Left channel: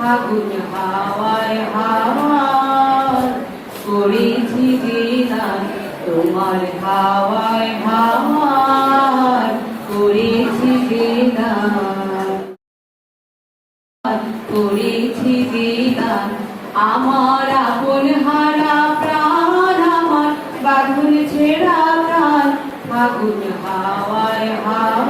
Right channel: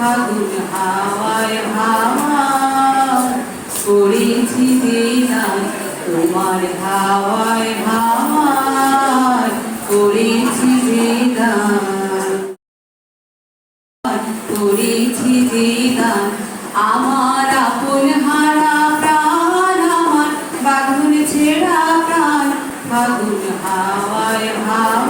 ফাগুন করেছি যে গান তোমার হাওয়ায় হাওয়ায় করেছি যে গান করেছি যে গান আমার আপন আমার বাগুন ছেড়া প্রাণ বাগুন হাওয়ায় হাওয়ায়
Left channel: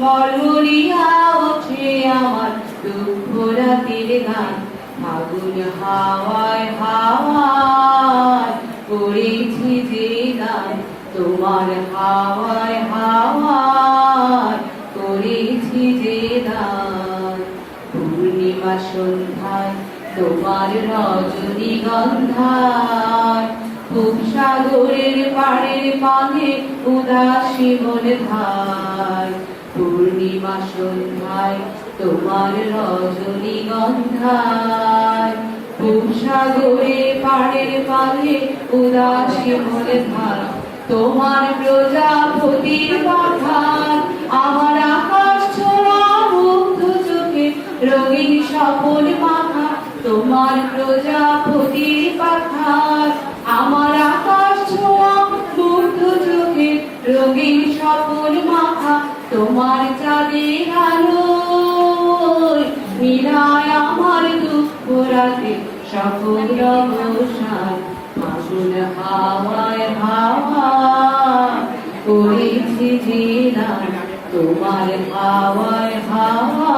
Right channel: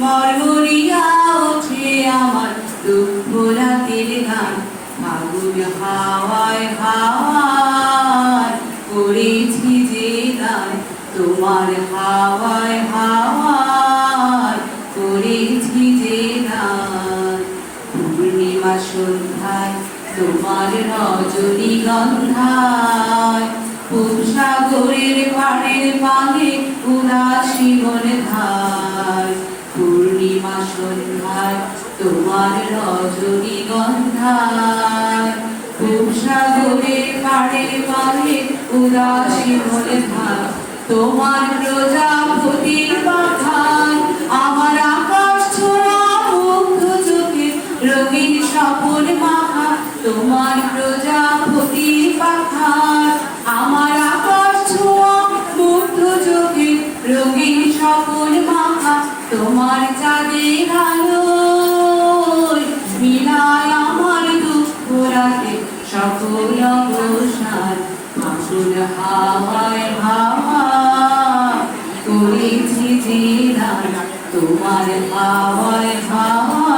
মরমরিয়া ওঠে আমার দুঃখ রাতের গান। ফাগুন হাওয়ায় হাওয়ায় করেছি যে গান। তোমার হাওয়ায় হাওয়ায় করেছি যে গান। পূর্ণিমা সন্ধ্যায় তোমার রজনী গন্ধায় খুব সাগরের পাড়ের পানে মনে ধার পূর্ণিমা সন্ধ্যায় তোমার রজনী গন্ধায়। সাগরের পাড়ের পানে উদাসী মনে ধার তোমার প্রজাপতির পাঠান আমার আকাশ ছোড়া মুগ্ধ চোখে রঙিন স্বপন মাখা তোমার প্রজাপতির তোমার চাঁদের আলোয় মিলায় আমার দুঃখ রাতে সকল অবসান। ফাগুন হাওয়ায় হাওয়া করেছি যে তোমার হাওয়ায় হাওয়া